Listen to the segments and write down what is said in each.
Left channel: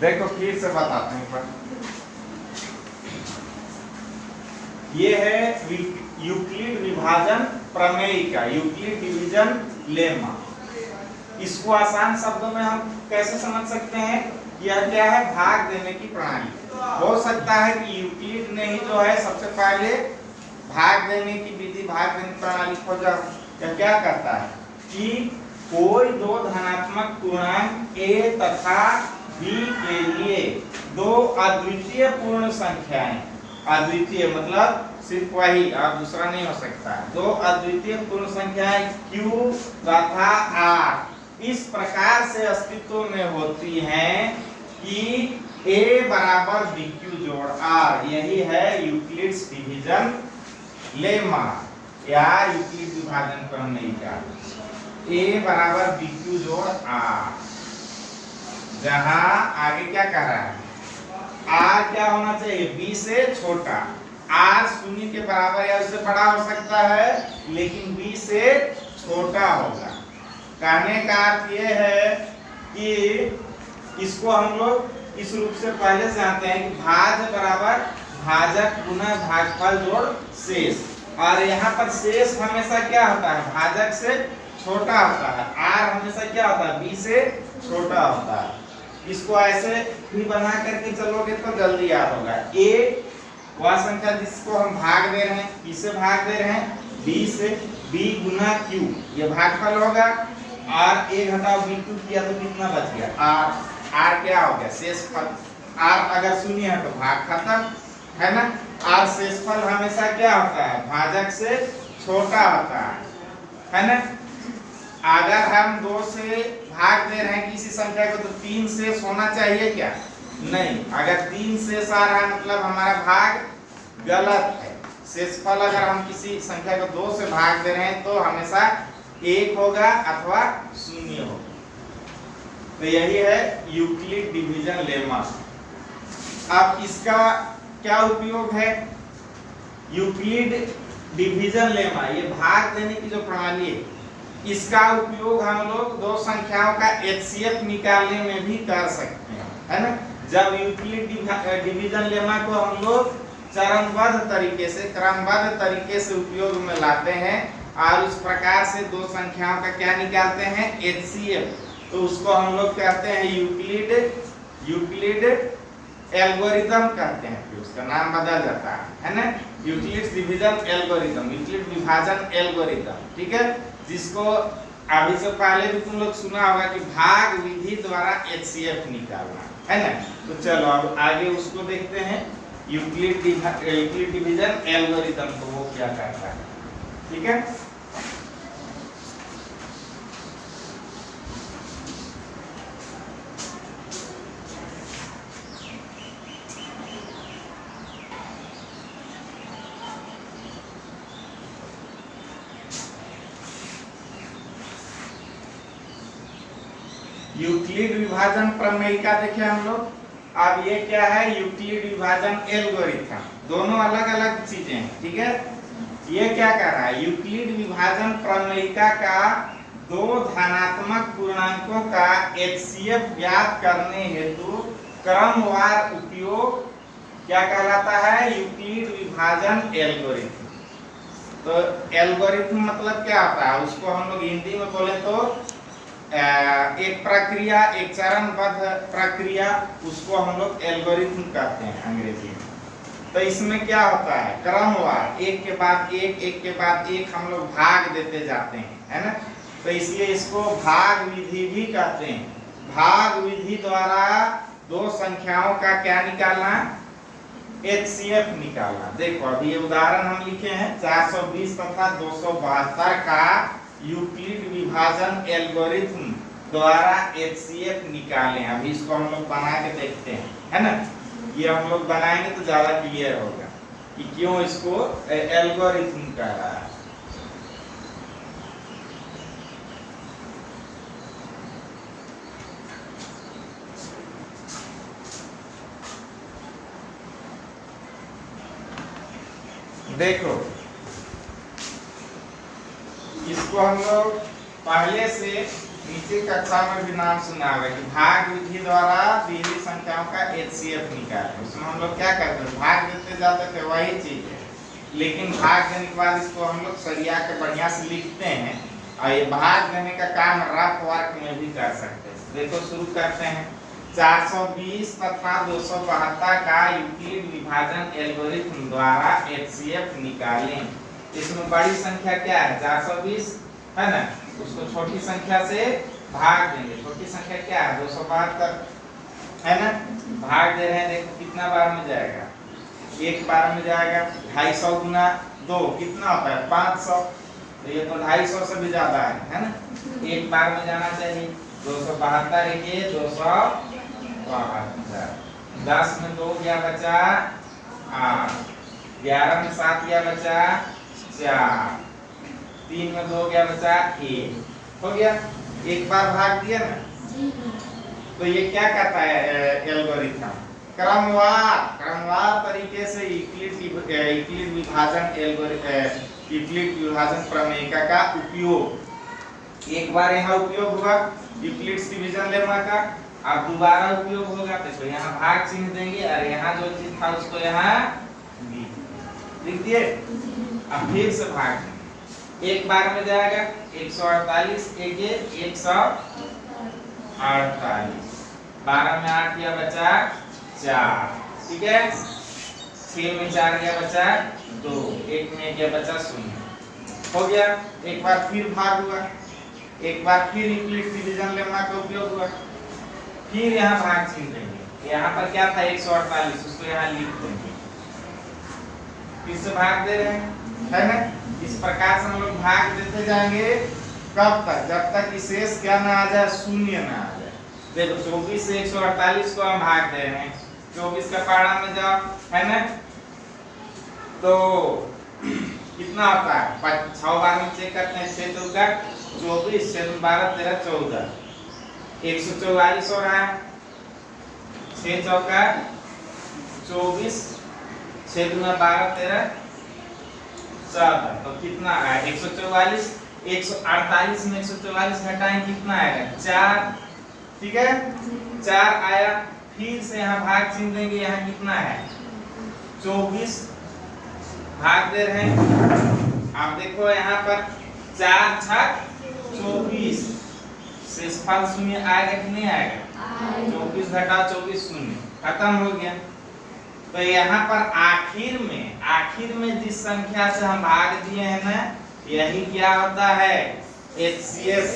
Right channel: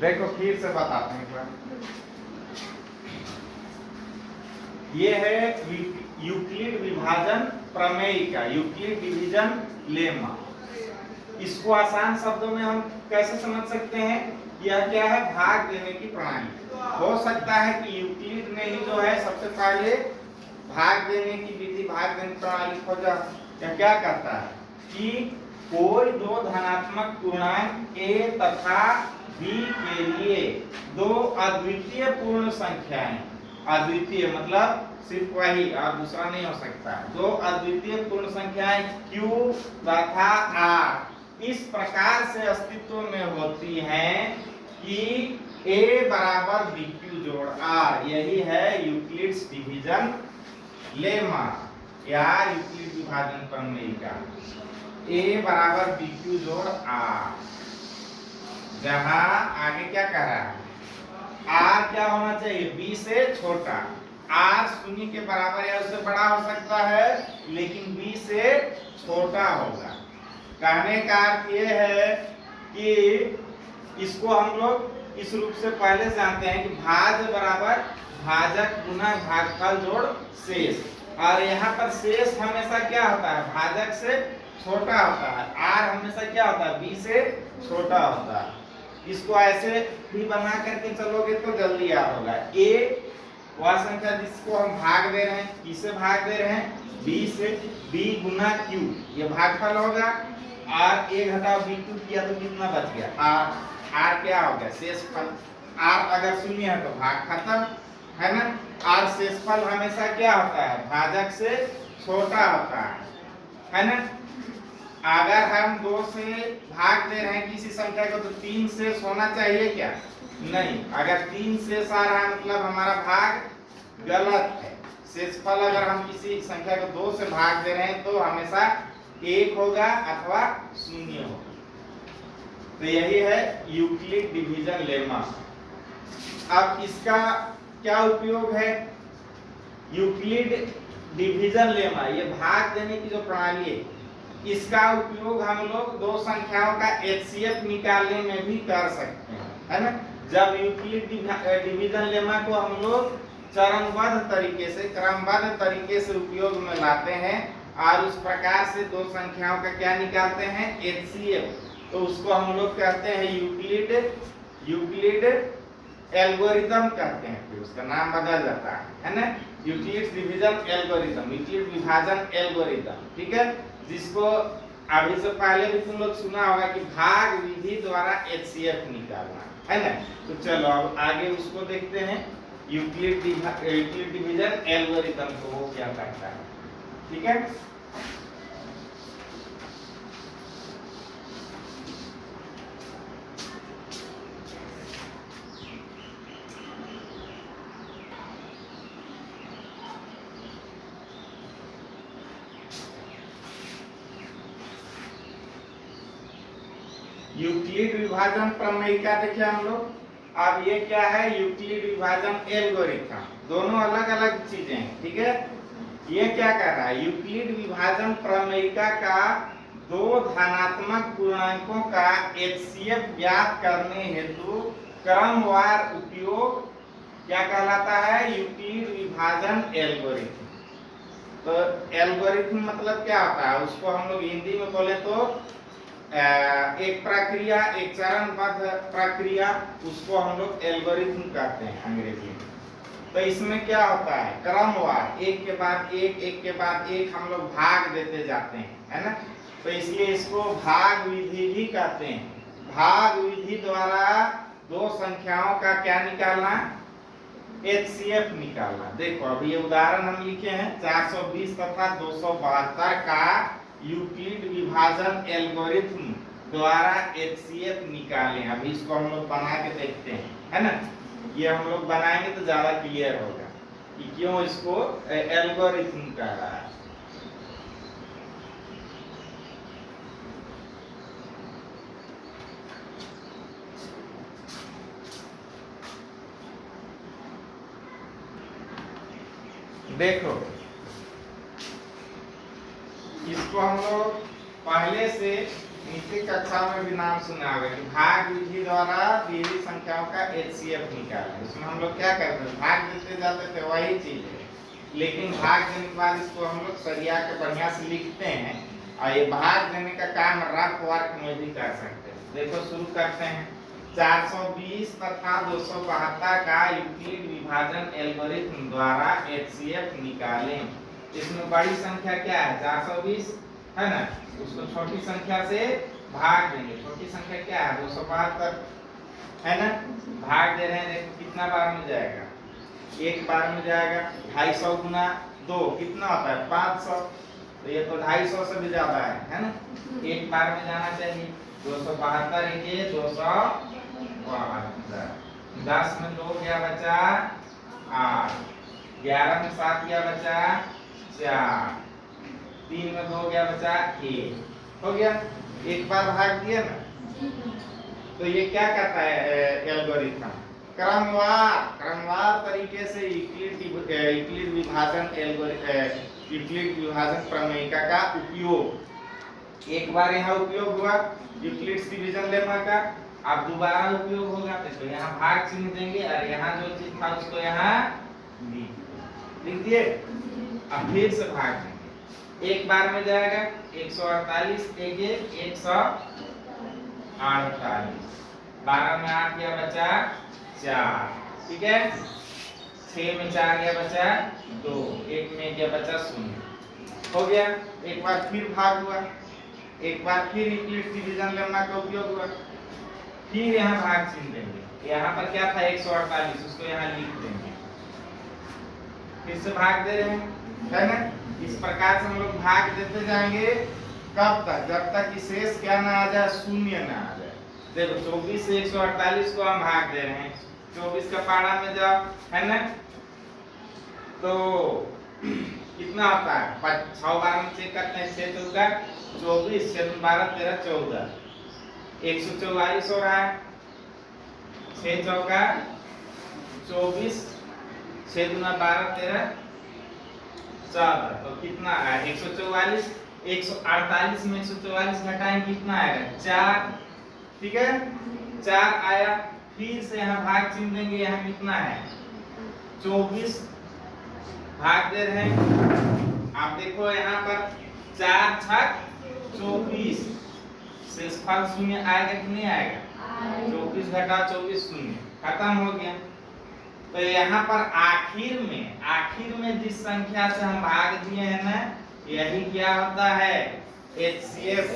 देखो फिर से बताते हैं एक बार। ये है यूक्लिड विभाजन प्रमेय का यूक्लिड डिवीजन लेमा। इसको आसान शब्दों में हम कैसे समझ सकते हैं? यह क्या है? भाग देने की प्रणाली। हो सकता है कि यूक्लिड ने ही जो है सबसे पहले भाग देने की विधि, भाग देने की प्रणाली खोजा। यह क्या करता है कि कोई दो धनात्मक पूर्णांक a तथा b के लिए दो अद्वितीय पूर्ण संख्याएं, अद्वितीय मतलब सिर्फ वही और दूसरा नहीं हो सकता, दो अद्वितीय पूर्ण संख्याएं q तथा r इस प्रकार से अस्तित्व में होती हैं कि a बराबर bq जोड़ r। यही है यूक्लिड्स डिवीजन लेमा या यूक्लिड विभाजन प्रमेय का। a बराबर bq जोड़ r, जहां आगे क्या कर रहा है? r क्या होना चाहिए? b से छोटा। r शून्य के बराबर या उससे बड़ा हो सकता है, लेकिन b से छोटा होगा। कहने का अर्थ ये है कि इसको हम लोग इस रूप से पहले से जानते हैं कि भाज्य बराबर भाजक गुना भागफल जोड़ शेष। और यहाँ पर शेष हमेशा क्या होता है? भाजक से छोटा होता है। r हमेशा क्या होता है? b से छोटा होता है। इसको ऐसे भी बना करके चलोगे तो जल्दी याद होगा। a वह संख्या जिसको हम भाग दे रहे हैं, किसे भाग दे रहे हैं? b से। b गुना q ये भागफल होगा। और a घटाओ b2 किया तो कितना बच गया? r। r क्या हो गया? शेषफल। r अगर शून्य है तो भाग खत्म, है ना? r शेषफल हमेशा क्या होता है? भाजक से छोटा होता है ना? अगर हम 2 से भाग दे रहे हैं किसी संख्या को तो 3 से होना चाहिए क्या? नहीं। अगर 3 से आ रहा है मतलब हमारा भाग गलत है। शेषफल अगर हम किसी संख्या को 2 से भाग दे रहे हैं तो हमेशा 1 होगा अथवा 0 होगा। तो यही है यूक्लिड डिवीजन लेमा। अब इसका क्या उपयोग है? यूक्लिड डिवीजन लेमा, ये भाग देने की जो प्रणाली है, इसका उपयोग हम लोग दो संख्याओं का एचसीएफ निकालने में भी कर सकते हैं, है ना? जब यूक्लिड डिवीजन लेमा को हम लोग चरणबद्ध तरीके से, क्रमबद्ध तरीके से उपयोग में लाते हैं और उस प्रकार से दो संख्याओं का क्या निकालते हैं? एचसीएफ। तो उसको हम लोग कहते हैं यूक्लिड एल्गोरिथम कहते हैं। फिर उसका नाम बदल जाता है ना? यूक्लिड डिवीजन एल्गोरिथम, यूक्लिड विभाजन एल्गोरिथम, ठीक है? जिसको अभी से पहले भी तुम लोग सुना होगा कि भाग विधि द्वारा एचसीएफ निकालना, है ना? तो चलो अब आगे उसको देखते हैं। यूक्लिड डिवीजन एल्गोरिथम को वो क्या करता है, ठीक है? यूक्लिड विभाजन प्रमेय का देखे हम लोग। अब ये क्या है? यूक्लिड विभाजन एल्गोरिथम। दोनों अलग अलग चीजें हैं, ठीक है? ये क्या कर रहा है? यूक्लिड विभाजन प्रमेयिका का दो धनात्मक पूर्णांकों का एचसीएफ ज्ञात करने हेतु क्रमवार उपयोग क्या कहलाता है? यूक्लिड विभाजन एल्गोरिथम। तो एल्गोरिथम मतलब क्या होता है? उसको हम लोग हिंदी में बोले तो एक प्रक्रिया, एक चरणबद्ध प्रक्रिया, उसको हम लोग एल्गोरिथम कहते हैं अंग्रेजी में। तो इसमें क्या होता है? क्रमवार एक के बाद एक, एक के बाद एक हम लोग भाग देते जाते हैं, है ना? तो इसलिए इसको भाग विधि भी कहते हैं। भाग विधि द्वारा दो संख्याओं का क्या निकालना? एचसीएफ निकालना। देखो अभी ये उदाहरण हम लिखे हैं 420 तथा 272 का यूक्लिड विभाजन एल्गोरिथम द्वारा एचसीएफ निकालें। अभी इसको हम लोग बना के देखते हैं, है ना? ये हम लोग बनाएंगे तो ज्यादा क्लियर होगा कि क्यों इसको एल्गोरिथम कह रहा है। देखो इसको हम लोग पहले से इसके कक्षा में भी नाम सुना होगा कि भाग विधि द्वारा दी हुई संख्याओं का HCF निकालें। उसमें हम लोग क्या करते हैं, भाग देते जाते थे, वही चीज है, लेकिन भाग देने के बाद इसको हम लोग सरिया के बढ़िया से लिखते हैं और ये भाग देने का काम रफ वर्क में भी कर सकते हैं। देखो शुरू करते हैं। 420 तथा 272 का यूक्लिड विभाजन एल्गोरिथम द्वारा HCF निकालें। इसमें बड़ी संख्या क्या है, 420 है ना, उसको छोटी संख्या से भाग देंगे। छोटी संख्या क्या है, 272 है ना, भाग दे रहे हैं। देखो कितना बार में जाएगा, एक बार में जाएगा। 250 गुना 2 कितना होता है, 500। तो ये तो 250 से भी ज्यादा है ना, एक बार में जाना चाहिए। 272 के 272, 10 में 2 गया बचा 8, 11 में 7 गया बचा 4, 3 में 2 गया बचा 1, हो गया। एक बार भाग दिया ना। तो ये क्या कहता है एल्गोरिथम, क्रमवार तरीके से यूक्लिड विभाजन प्रमेयिका का उपयोग। एक बार यहाँ उपयोग हुआ यूक्लिड्स डिवीजन लेमा का, अब दोबारा उपयोग होगा तो यहाँ भाग चिन्ह देंगे और यहाँ जो चीज था उसको यहाँ लिख दिए। अब फिर से भाग देंगे, एक बार में जाएगा 148, 148, 12 में 8 गया बचा 4, ठीक है। 6 में 4 गया बचा 2, 1 में गया बचा 0, हो गया। एक बार फिर भाग हुआ, एक बार फिर यूक्लिड डिवीजन लेमा का उपयोग हुआ, फिर यहाँ भाग चिन्ह देंगे। यहाँ पर क्या था 148, उसको यहाँ लिख देंगे, फिर से भाग दे रहे हैं, है ना। इस प्रकार से हम लोग भाग देते जाएंगे, कब तक, जब तक कि शेष क्या ना आ जाए, शून्य ना आ जाए। देखो 24 से 148 को हम भाग दे रहे हैं, 24 का पारा में जाओ, है ना, तो कितना आता है, 6 बार में चेक करते हैं, 6 चौका 24, 6 12 13 14, 144 हो रहा है। 6 चौका 24, 6 दूना 12 13 14, तो कितना आया 144। 148 में 144 घटाएं कितना आएगा 4, ठीक है, 4 आया। फिर से यहाँ भाग चिन्ह देंगे, यहाँ कितना है 24, भाग दे रहे हैं। आप देखो यहाँ पर 4 छक 24, शेषफल शून्य आएगा कि नहीं आएगा, 24 घटा 24 शून्य, खत्म हो गया। तो यहाँ पर आखिर में जिस संख्या से हम भाग दिए हैं ना, यही क्या होता है HCF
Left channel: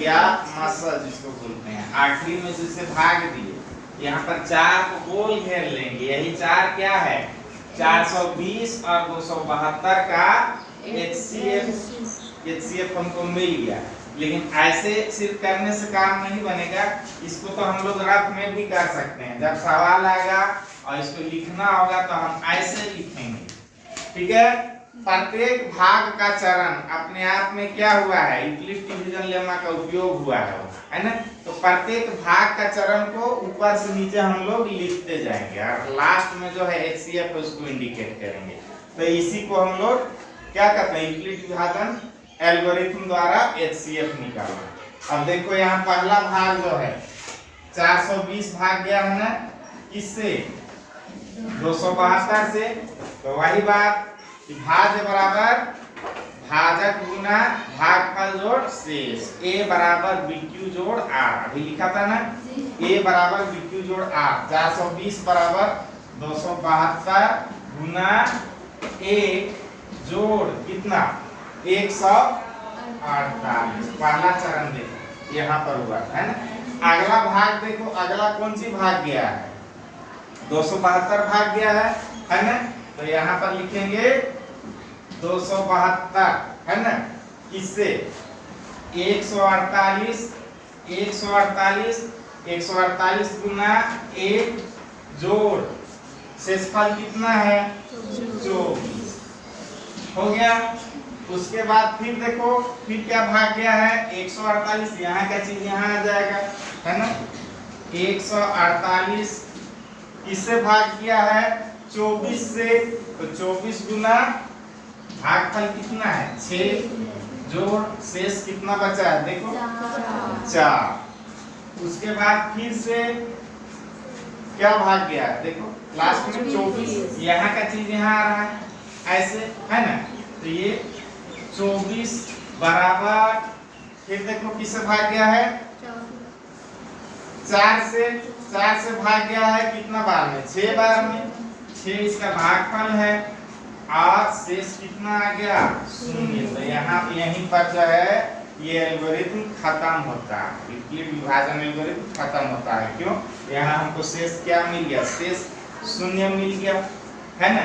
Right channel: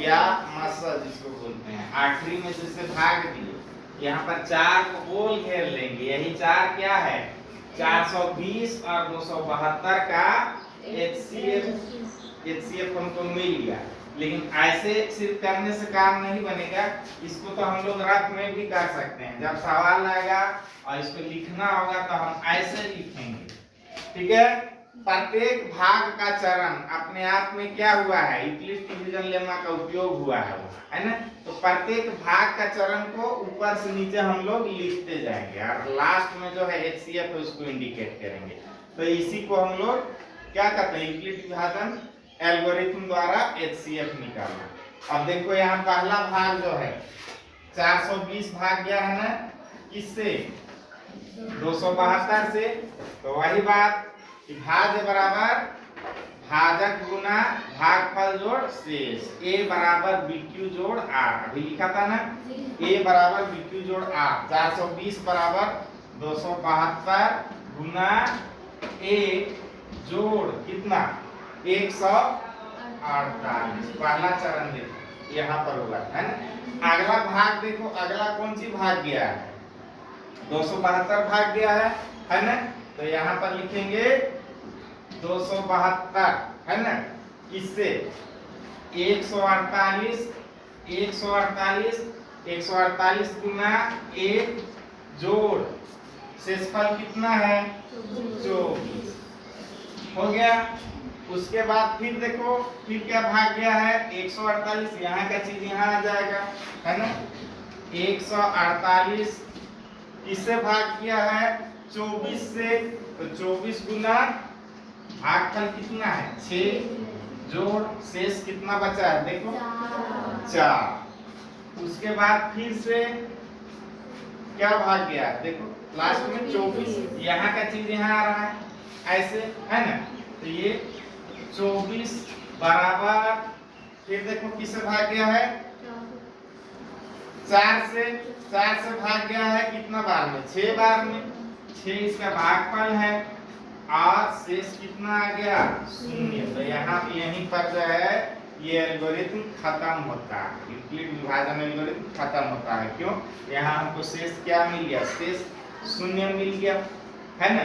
या मसल जिसको बोलते हैं। आखिरी में जिससे भाग दिए, यहाँ पर 4 को गोल घेर लेंगे, यही 4 क्या है 420 और 272 का HCF हमको मिल गया। लेकिन ऐसे सिर्फ करने से काम नहीं बनेगा, इसको तो हम लोग रफ में भी कर सकते हैं। जब सवाल आएगा और इसको लिखना होगा तो हम ऐसे लिखेंगे, ठीक है। प्रत्येक भाग का चरण अपने आप में क्या हुआ है, यूक्लिड डिवीजन लेमा का उपयोग हुआ है ना। तो प्रत्येक भाग का चरण को ऊपर से नीचे हम लोग लिखते जाएंगे और लास्ट में जो है HCF उसको इंडिकेट करेंगे। तो इसी को हम लोग क्या कहते हैं, यूक्लिड विभाजन एल्गोरिथम द्वारा HCF निकालना। अब देखो यहाँ पहला भाग जो है 420 भाग गया है ना, किससे 272 से। तो वही बात कि भाज्य बराबर भाजक गुना भागफल जोड़ शेष, A बराबर BQ जोड़ R, अभी लिखा था ना, A बराबर BQ जोड़ R। 420 बराबर 272 गुना A जोड़ कितना 148, पहला चरण देखो यहाँ पर हुआ है ना। अगला भाग देखो, अगला कौन सी भाग गया है 272 भाग गया है ना। तो यहाँ पर लिखेंगे 272 है ना, इससे 148 गुना 1 जोड़ शेषफल कितना है 24, हो गया। उसके बाद फिर देखो फिर क्या भाग गया है 148, यहाँ का चीज यहाँ आ जाएगा, है ना। 148 इससे भाग किया है 24 से, तो 24 गुना भागफल कितना है 6 जोड़ शेष कितना बचा है देखो 4। उसके बाद फिर से क्या भाग गया है, देखो लास्ट में 24, यहाँ का चीज यहाँ आ रहा है ऐसे, है ना। तो ये 24 बराबर, फिर देखो किससे भाग गया है, 4 से भाग गया है कितना बार में, 6 बार में। 6 इसका भागफल है और शेष कितना आ गया, 0। तो यहाँ यहीं पर जो है ये एल्गोरिथम खत्म होता है, यूक्लिड विभाजन एल्गोरिथम खत्म होता है। क्यों, यहाँ हमको शेष क्या मिल गया, शेष 0 मिल गया, है ना।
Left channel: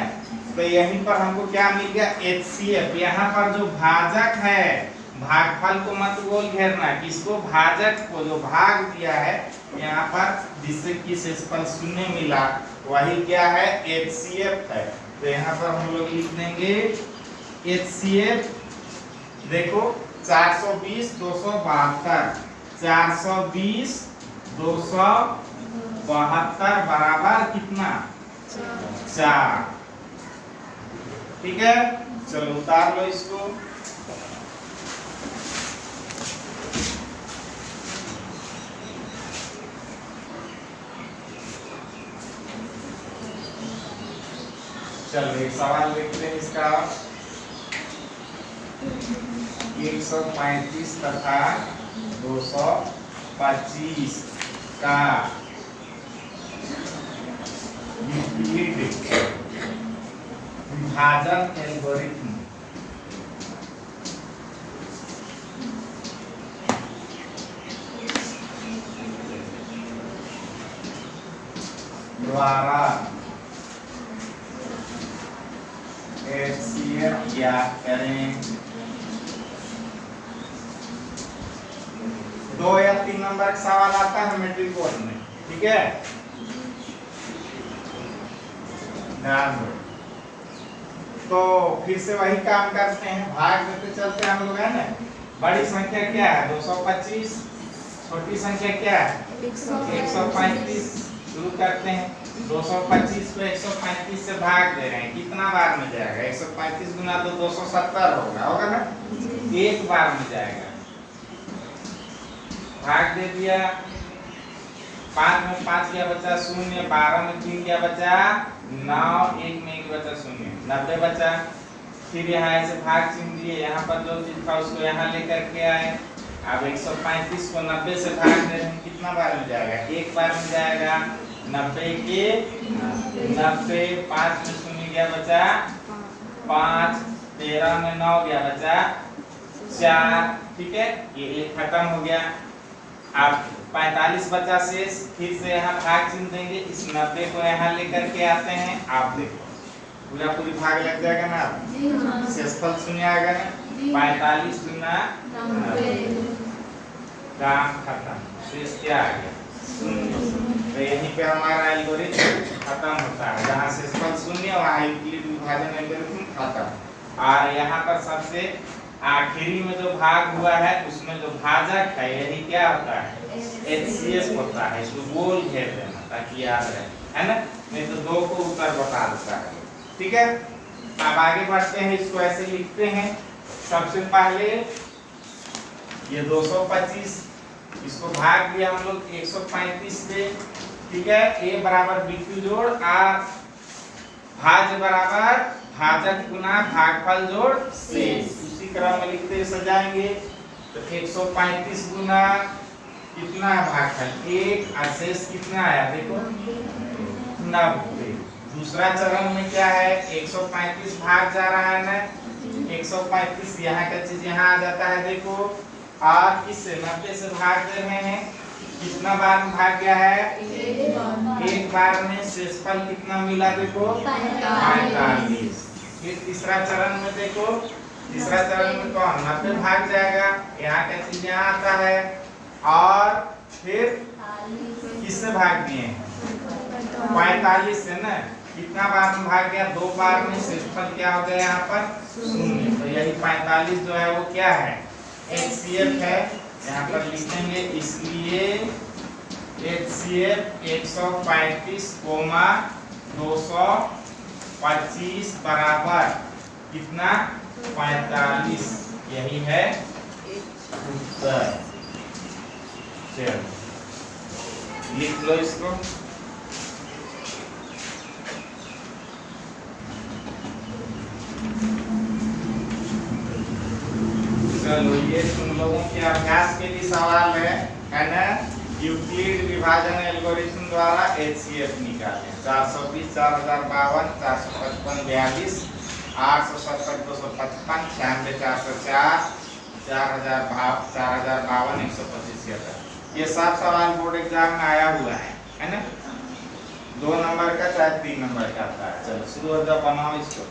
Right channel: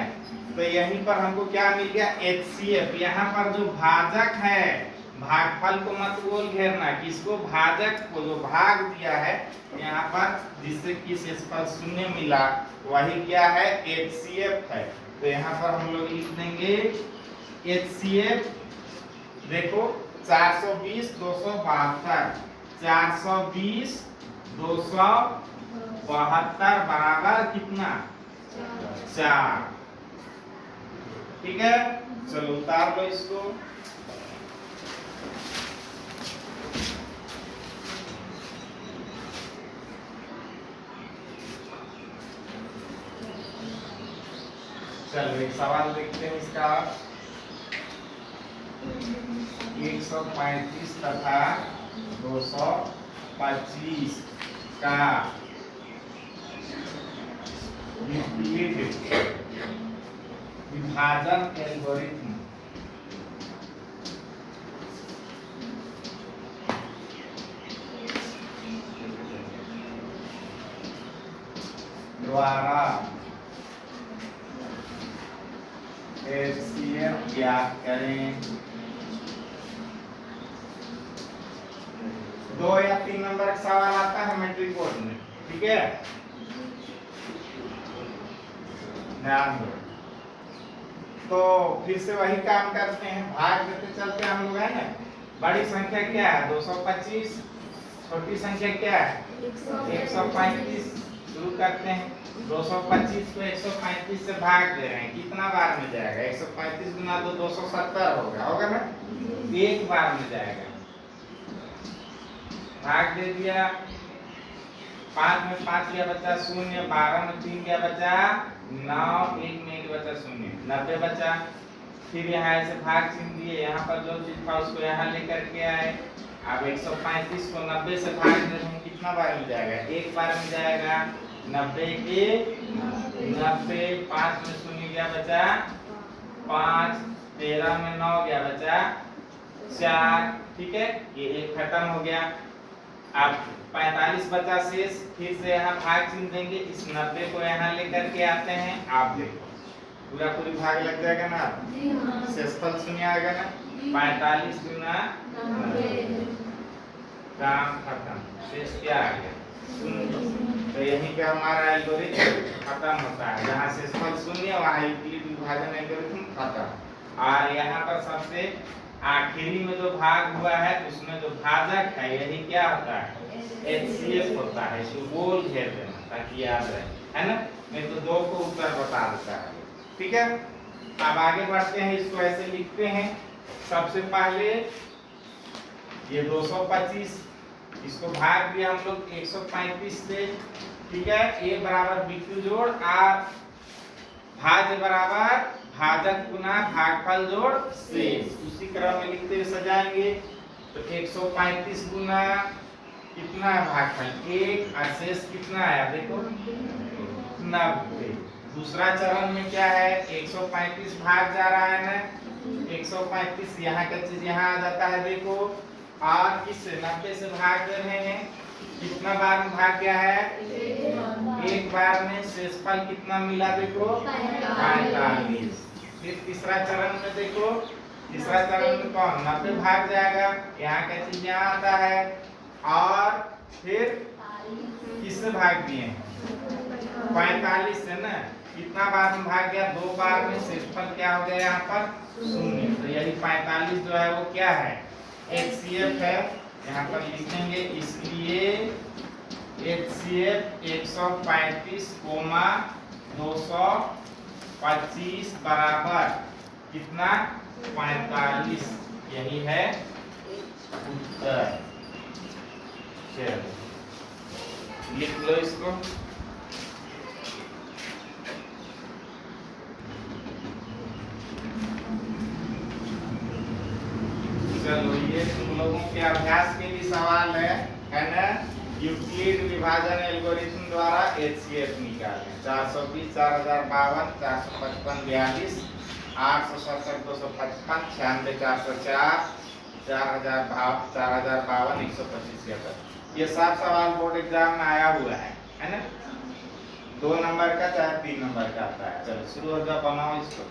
तो यहीं पर हमको क्या मिल गया, HCF। यहाँ पर जो भाजक है, भागफल को मत बोल घेरना, किसको, भाजक को जो भाग दिया है यहाँ पर जिससे कि शेषफल 0 मिला, वही क्या है, HCF है। तो यहाँ पर हम लोग लिख देंगे HCF। देखो 420 272, 420 272 बराबर कितना, 4। ठीक है, चलो उतार लो इसको। चलो एक सवाल देखते हैं इसका। 135 तथा 225 का यूक्लिड विभाजन एल्गोरिथम द्वारा HCF ज्ञात करें। 2 या 3 नंबर का सवाल आता है मैट्रिक बोर्ड में, ठीक है, ध्यान दो। तो फिर से वही काम करते हैं, भाग देते चलते हम लोग, है ना। बड़ी संख्या क्या है, 225, छोटी संख्या क्या है, 135। शुरू करते हैं, 225 को 135 से भाग दे रहे हैं, कितना बार में जाएगा, 135 गुना 2 270 होगा ना, एक बार में जाएगा। भाग दे दिया, 5 में 5 क्या बचा, 0, 12 में 3 क्या बचा, 9, 1 में 1 बचा 0, 90 बचा। फिर यहाँ ऐसे भाग चिन्ह दिए, यहाँ पर जो चीज था उसको यहाँ लेकर के आए। अब 135 को 90 से भाग दे रहे हैं, कितना बार में जाएगा, एक बार में जाएगा। 90 के 90, 5 में 0 क्या बचा, 5, 13 में 9 क्या बचा, 4। ठीक है, ये एक खत्म हो गया। अब 45 बचा शेष, फिर से यहाँ भाग चिन्ह देंगे, इस 90 को यहाँ लेकर के आते हैं। आप देखो पूरा पूरी भाग लग जाएगा ना, शेषफल 0 आएगा ना, 45 गुना 90, काम खत्म, शेष क्या आ गया, 0। तो यहीं पे हमारा एल्गोरिथम खत्म होता है, जहाँ शेषफल 0 वहाँ यूक्लिड विभाजन एल्गोरिथम खत्म। और यहाँ पर सबसे आखिरी में जो भाग हुआ है उसमें जो भाजक है यही क्या होता है, HCF होता है। इसको गोल घेर देना ताकि याद रहे, है ना, नहीं तो 2 को उत्तर बता देता है। ठीक है, अब आगे बढ़ते हैं, इसको ऐसे लिखते हैं। सबसे पहले ये 225, इसको भाग दिया हम लोग 135 से। ठीक है, A बराबर BQ जोड़ R, भाज्य बराबर भाजक गुना भागफल जोड़ शेष, उसी क्रम में लिखते सजाएंगे। तो 135 गुना कितना है भागफल 1 और शेष कितना है, देखो 90। दूसरा चरण में क्या है, 135 भाग जा रहा है ना, 135 यहाँ का चीज यहाँ आ जाता है, देखो। और किससे 90 से भाग दे रहे हैं, कितना बार में भाग गया है, एक बार में। शेषफल कितना मिला, देखो 45। फिर तीसरा चरण में देखो, तीसरा चरण में कौन 90 भाग जाएगा, यहाँ का चीज यहाँ आता है। और फिर किससे भाग दिए, 45 से ना, कितना बार में भाग गया, 2 बार में। शेषफल क्या हो गया यहाँ पर 0। तो यही 45 जो है वो क्या है, HCF है, यहाँ पर लिख देंगे। इसलिए HCF 135, 225 बराबर कितना, 45। यही है उत्तर। चलो लिख लो इसको। चलो ये तुम लोगों के अभ्यास के लिए सवाल है ना। यूक्लिड विभाजन एल्गोरिथम द्वारा HCF निकालें। 420, 4052, 455, 42, 870, 255, 96, 404, 4052, 125। ये सब सवाल बोर्ड एग्जाम में आया हुआ है ना। 2 नंबर का चाहे 3 नंबर का आता है। चलो शुरू हो जाओ, बनाओ इसको।